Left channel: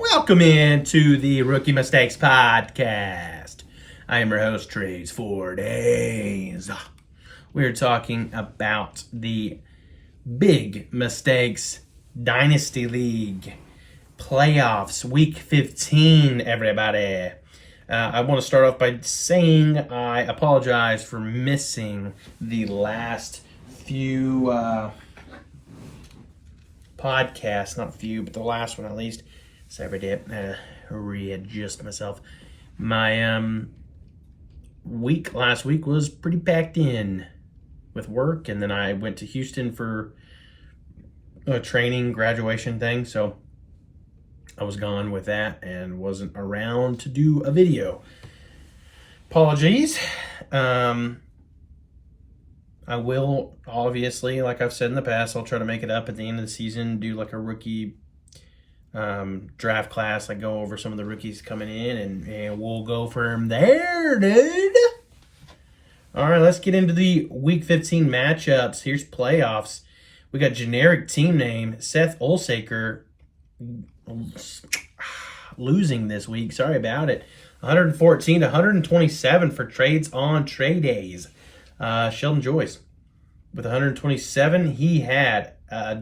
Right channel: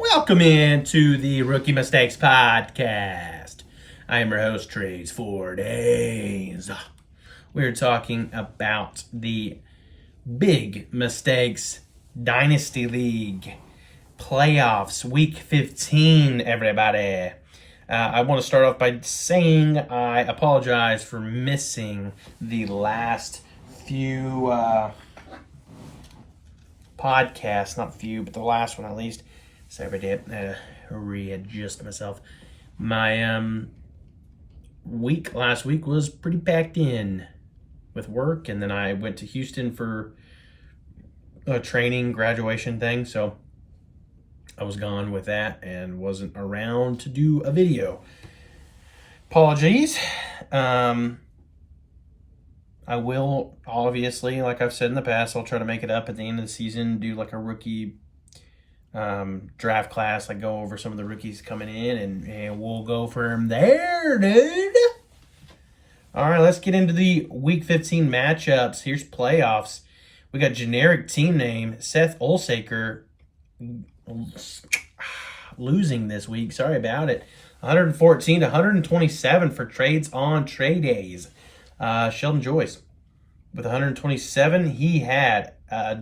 Welcome into the Rookie Mistakes Podcast. I am your host, Trace 4 Days. We're talking about the Big Mistakes Dynasty League playoffs, week 15, everybody. I want to start off by saying I apologize for missing the last few podcasts, not few, but the last one at least. Sorry, I had to readjust myself. My last week was pretty packed in with work, and then I went to Houston for a training graduation thing, so I was gone with that and wasn't around to do a video. Apologies. I will, obviously, like I've said in the past, I'll try to make it up at the end of the season, do like a rookie draft class, like go over some of the rookies coming in, and we'll go from there, dude. All right, let's get into the week 15 matchups. Here's playoffs. We got generic team name Seth Olsaker losing this week. Sorry about it. 114 to 127 for trades on trade days. Sheldon Joyce with 127. He had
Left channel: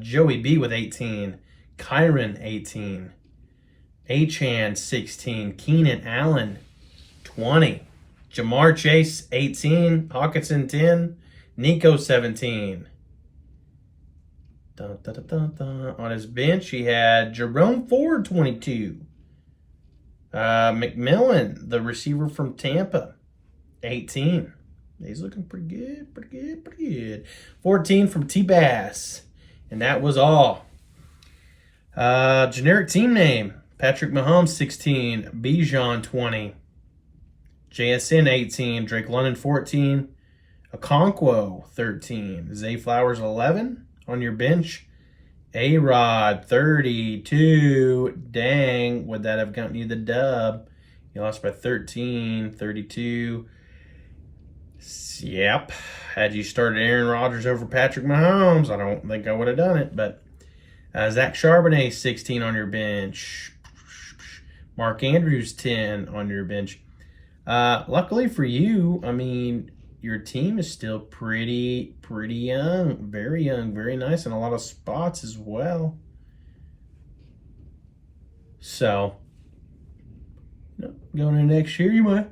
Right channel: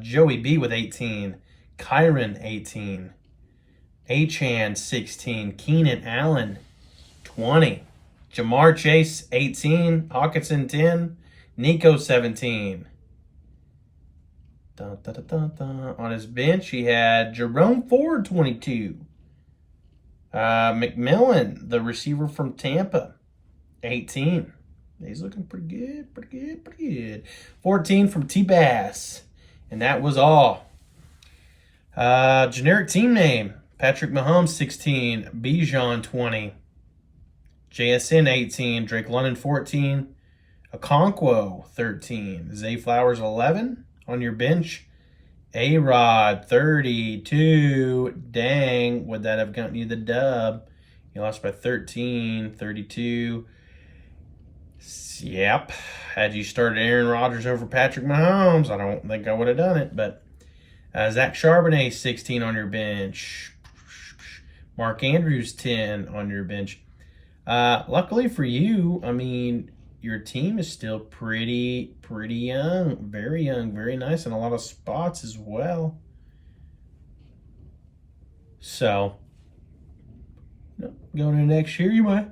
Joey B with 18. Kyron, 18. Achan, 16. Keenan Allen, 20. Jamar Chase, 18. Hawkinson, 10. Nico, 17. Dun, dun, dun, dun, dun. On his bench, he had Jerome Ford, 22. McMillan, the receiver from Tampa, 18. He's looking pretty good. 14 from T-Bass. And that was all. Generic team name, Patrick Mahomes, 16. Bijan, 20. JSN, 18. Drake London, 14. Okonkwo, 13. Zay Flowers, 11. On your bench, A-Rod, 32. Dang, would that have gotten you the dub? You lost by 13, 32. Yep. Had you started Aaron Rodgers over Patrick Mahomes, I don't think I would have done it, but Zach Charbonnet, 16 on your bench. Mark Andrews, 10 on your bench. Luckily for you, I mean, your team is still pretty young. Very nice, and a lot of spots as well. So, going into next year, you might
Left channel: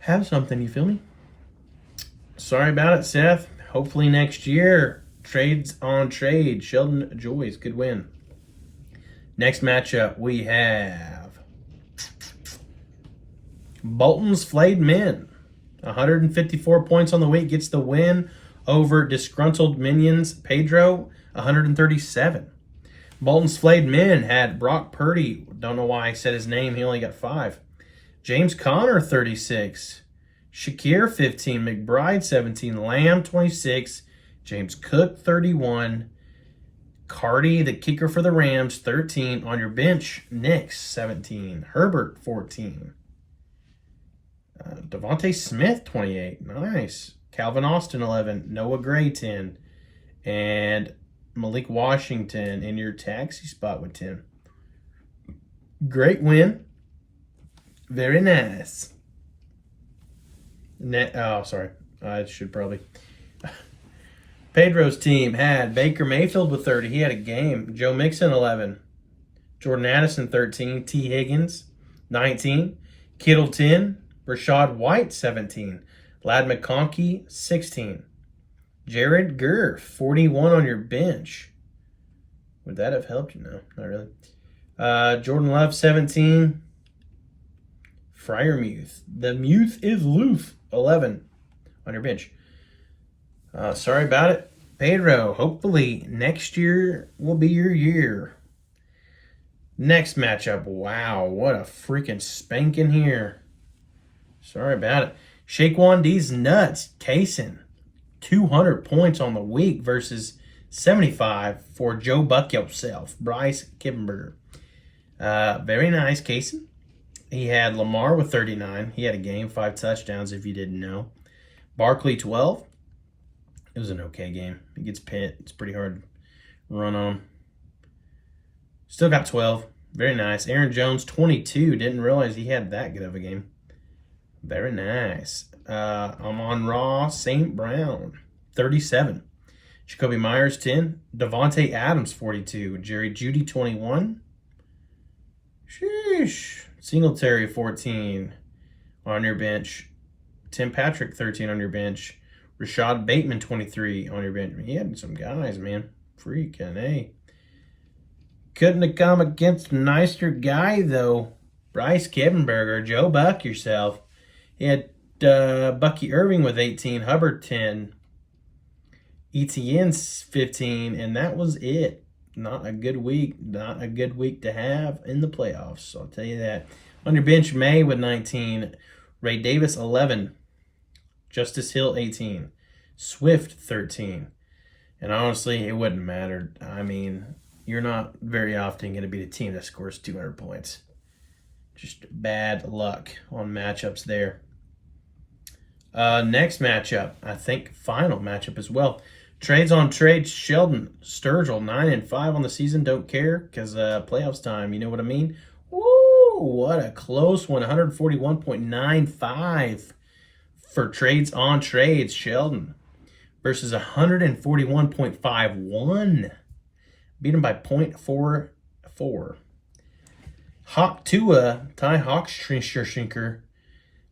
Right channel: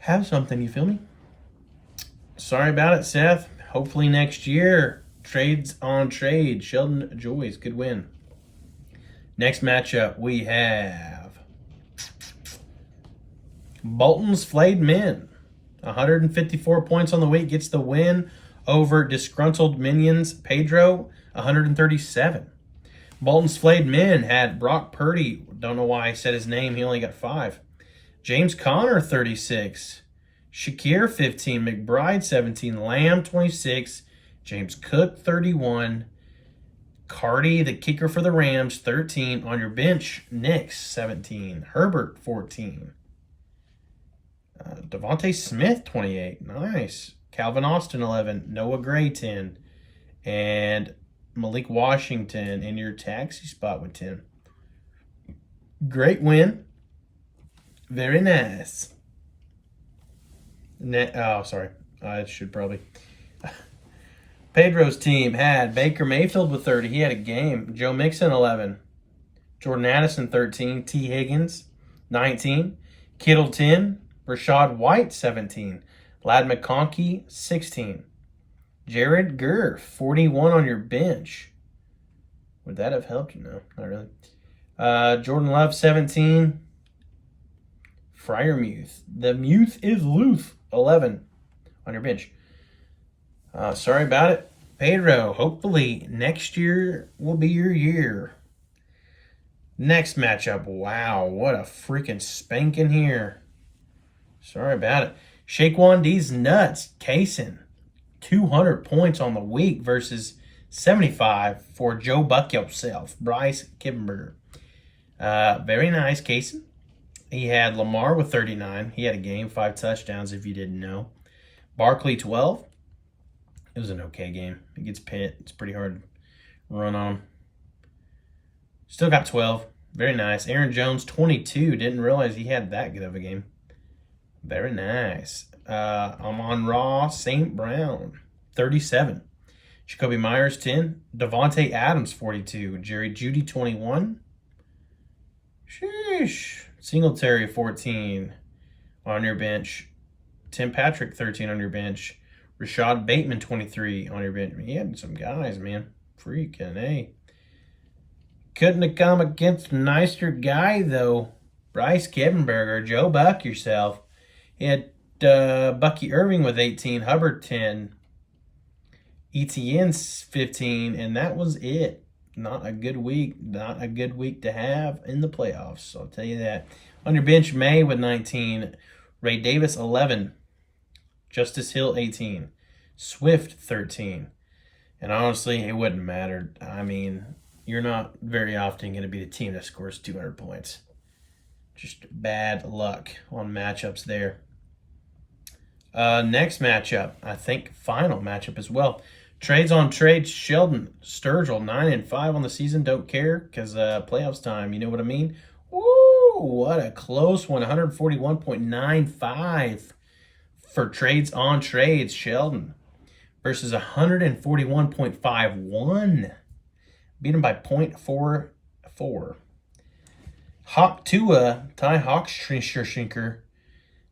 have something, you feel me? Sorry about it, Seth. Hopefully next year, trades on trade. Sheldon Joyce, good win. Next matchup, we have Bolton's Flayed Men. 154 points on the week, gets the win over Disgruntled Minions. Pedro, 137. Bolton's Flayed Men had Brock Purdy. Don't know why I said his name. He only got 5. James Conner, 36. Shakir, 15. McBride, 17. Lamb, 26. James Cook, 31. Cardi, the kicker for the Rams, 13. On your bench, Nix, 17. Herbert, 14. Devontae Smith, 28. Nice. Calvin Austin, 11. Noah Gray, 10. And Malik Washington in your taxi spot with 10. Great win. Very nice. Sorry. I should probably... Pedro's team had Baker Mayfield with 30. He had a game. Joe Mixon, 11. Jordan Addison, 13. T. Higgins, 19. Kittle, 10. Rashad White, 17. Lad McConkey, 16. Jared Gurr, 41 on your bench. Would that have helped you? No, not really. Jordan Love, 17. Fryermuth. The Muth is loose, 11 on your bench. Sorry about it, Pedro. Hopefully next year will be your year. Next matchup. Wow, what a freaking spanking here. Sorry about it. Shaquan D's nuts. Kaysen, 200 points on the week versus 75 for Joe Buck yourself. Bryce Kippenberger. Very nice, Kaysen. He had Lamar with 39. He had a game, 5 touchdowns if you didn't know. Barkley, 12. It was an okay game. It gets Pitt. It's pretty hard to run on him. Still got 12. Very nice. Aaron Jones, 22. Didn't realize he had that good of a game. Very nice. Amon-Ra St. Brown, 37. Jacoby Myers, 10. Devontae Adams, 42. Jerry Jeudy, 21. Sheesh. Singletary, 14 on your bench. Tim Patrick, 13 on your bench. Rashad Bateman, 23 on your bench. He had some guys, man. Freaking A. Couldn't have come against a nicer guy, though. Bryce Kippenberger, Joe Buck yourself. He had Bucky Irving with 18, Hubbard 10, ETN's 15, and that was it. Not a good week. Not a good week to have in the playoffs, I'll tell you that. On your bench, May with 19, Ray Davis 11, Justice Hill 18, Swift 13. And honestly, it wouldn't matter. I mean, you're not very often going to be the team that scores 200 points. Just bad luck on matchups there. Next matchup, I think final matchup as well. Trades on trades, Sheldon Sturgill, 9-5 on the season. Don't care because playoffs time, you know what I mean? Woo, what a close one. 141.95 for trades on trades, Sheldon, versus 141.51. Beat him by 0.44. Hawk Tua, Ty Hawkshinker.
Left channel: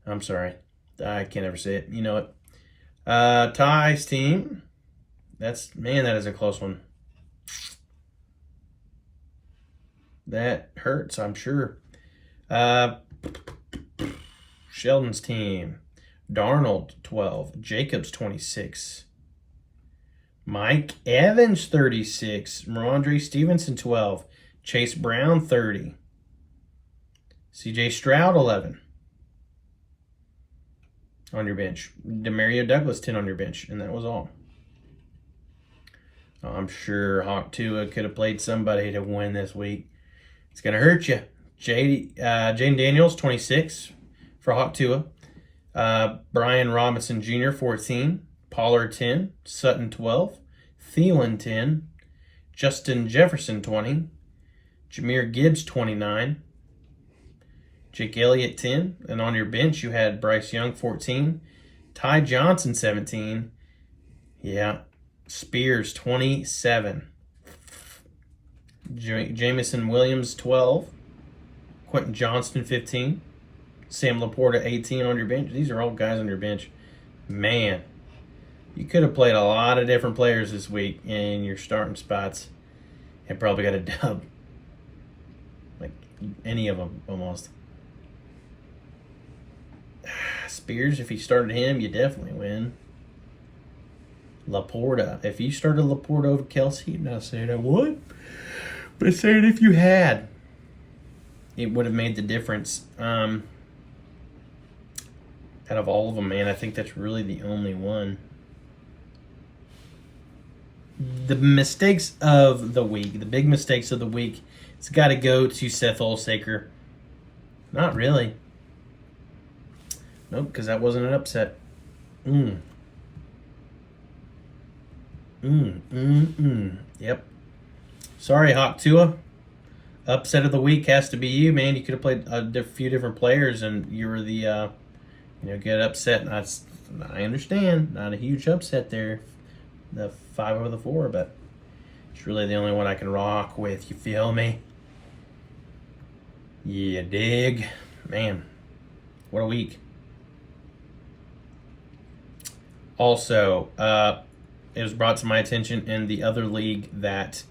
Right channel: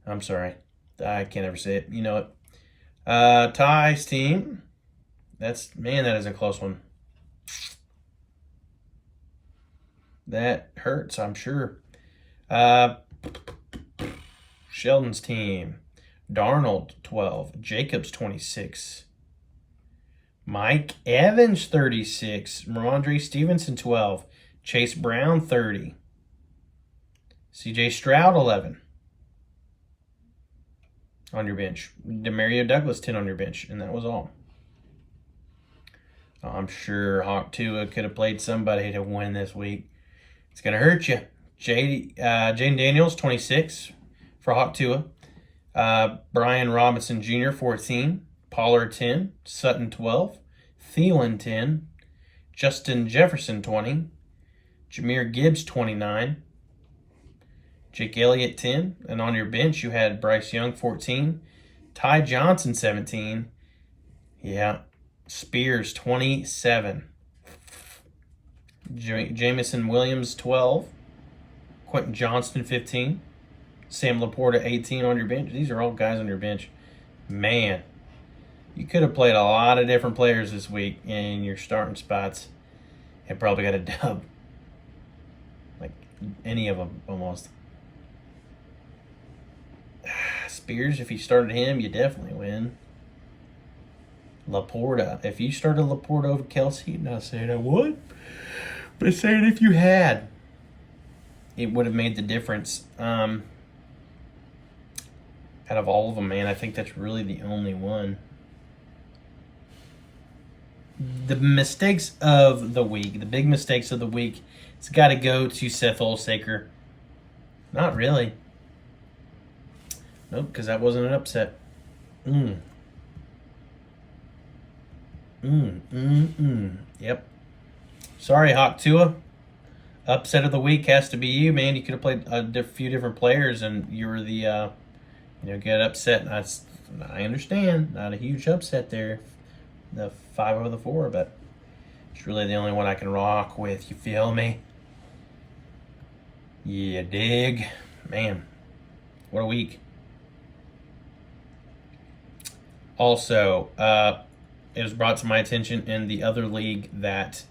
I'm sorry. I can't ever say it. You know it. Ty's team. That is a close one. That hurts, I'm sure. Sheldon's team. Darnold, 12. Jacobs, 26. Mike Evans, 36. Ramondre Stevenson, 12. Chase Brown, 30. CJ Stroud, 11. On your bench. Demario Douglas, 10 on your bench. And that was all. I'm sure Hawk Tua could have played somebody to win this week. It's going to hurt you. Jaden Daniels, 26 for Hawk Tua. Brian Robinson Jr., 14. Pollard, 10. Sutton, 12. Thielen, 10. Justin Jefferson, 20. Jahmyr Gibbs, 29. Jake Elliott, 10. And on your bench, you had Bryce Young, 14. Ty Johnson, 17. Yeah. Spears, 27. Jamison Williams, 12. Quentin Johnston, 15. Sam Laporta, 18 on your bench. These are all guys on your bench. Man, you could have played a lot of different players this week in your starting spots and probably got a dub. Like any of them, almost. Spears, if you started him, you definitely win. Laporta. If you started Laporta over Kelsey, not saying I would, but saying if you had, it would have made the difference. Out of all of them, man, I think that's really the only one. The mistakes of the week, the big mistakes of the week, it's got to go to Seth Olsaker. Not really. Nope, because that wasn't an upset. Yep. Sorry, Hawk Tua. Upset of the week has to be you, man. You could have played a few different players, and you were the, get upset. I understand. Not a huge upset there. The 5 over the 4, but it's really the only one I can rock with. You feel me? Yeah, dig. Man, what a week. Also, it was brought to my attention in the other league that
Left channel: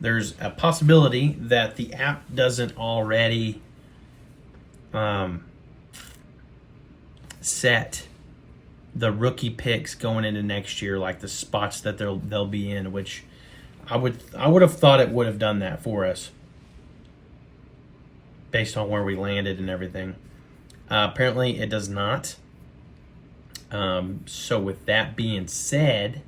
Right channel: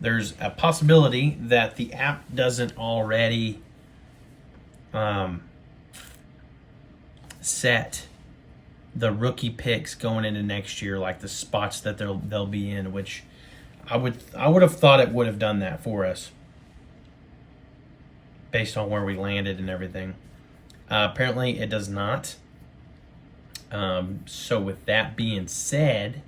there's a possibility that the app doesn't already set the rookie picks going into next year, like the spots that they'll be in, which I would have thought it would have done that for us based on where we landed and everything. Apparently, it does not. So with that being said,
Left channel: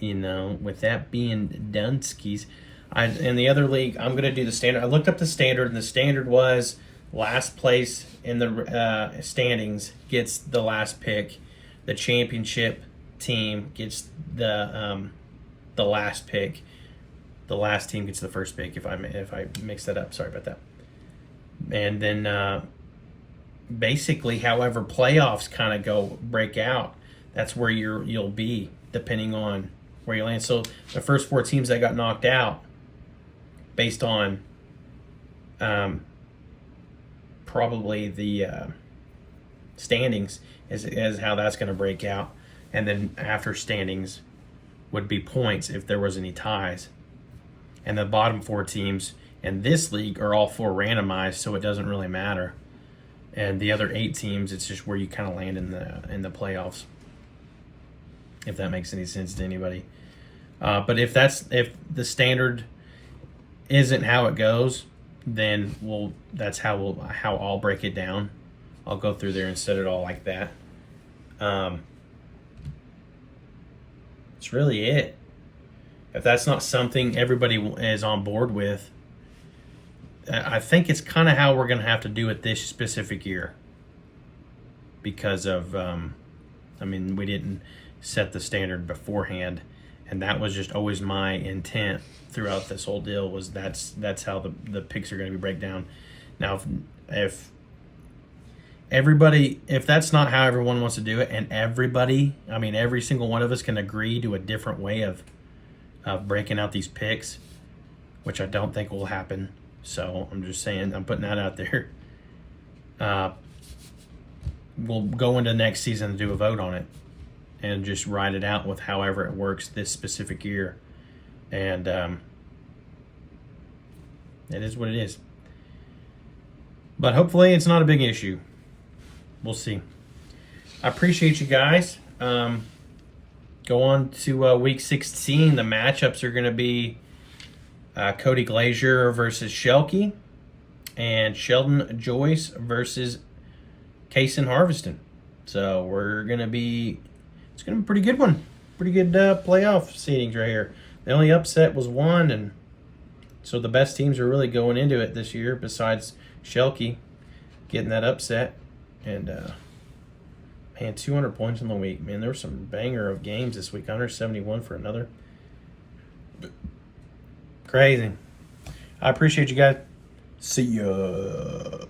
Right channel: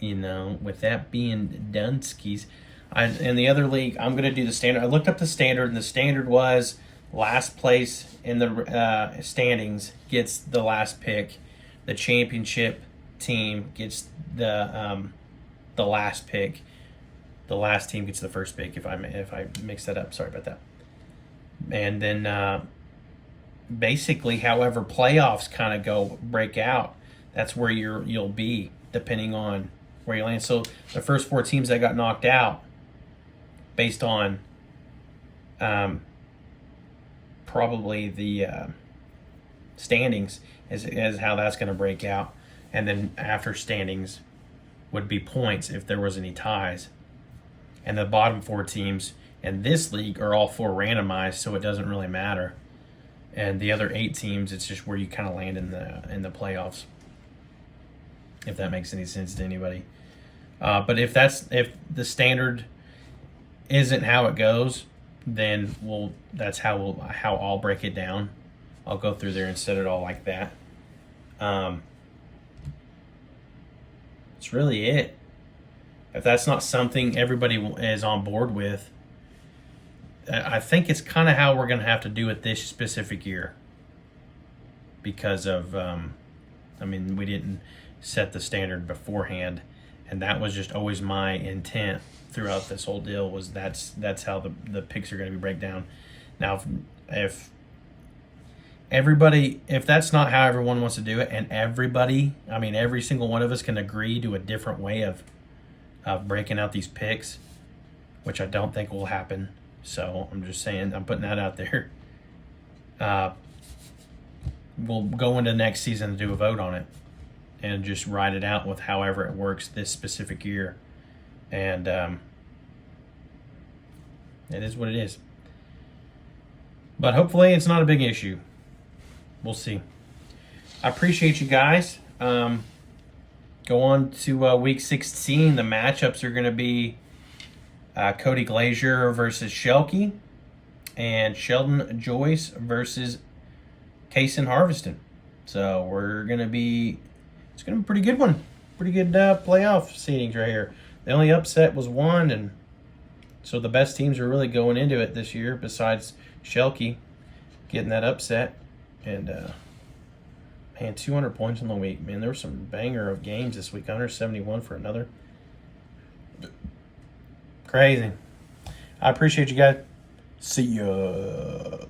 with that being done, skis, in the other league, I'm going to do the standard. I looked up the standard, and the standard was last place in the standings gets the last pick. The championship team gets the last pick. the last team gets the first pick. If I mix that up, sorry about that. And then basically, however playoffs kind of break out, that's where you'll be depending on where you land. So the first 4 teams that got knocked out, based on probably the standings, is how that's going to break out. And then after standings would be points if there was any ties. And the bottom 4 teams in this league are all 4 randomized, so it doesn't really matter. And the other 8 teams, it's just where you kind of land in the playoffs, if that makes any sense to anybody. But if the standard isn't how it goes, then that's how I'll break it down. I'll go through there and set it all like that. It's really it. If that's not something everybody is on board with, I think it's kind of how we're going to have to do it this specific year. Because of, we didn't set the standard beforehand, and that was just always my intent throughout this whole deal, was that's how the picks are going to be break down. Now, if that's not how everyone wants to do it, and every single one of us can agree to a different way of breaking out these picks, which I don't think will happen. So I'm just saying, I'm putting that out there. We'll go into next season and do a vote on it and just ride it out with however it works this specific year. And it is what it is. But hopefully it's not a big issue. We'll see. I appreciate you guys. Go on to week 16. The matchups are going to be Cody Glazier versus Shelky, and Sheldon Joyce versus Kaysen Harveston. So it's going to be a pretty good one. Pretty good playoff seedings right here. The only upset was 1, and so the best teams are really going into it this year, besides Shelky getting that upset. And man, 200 points in the week. Man, there were some banger of games this week. 171 for another. Crazy. I appreciate you guys. See ya.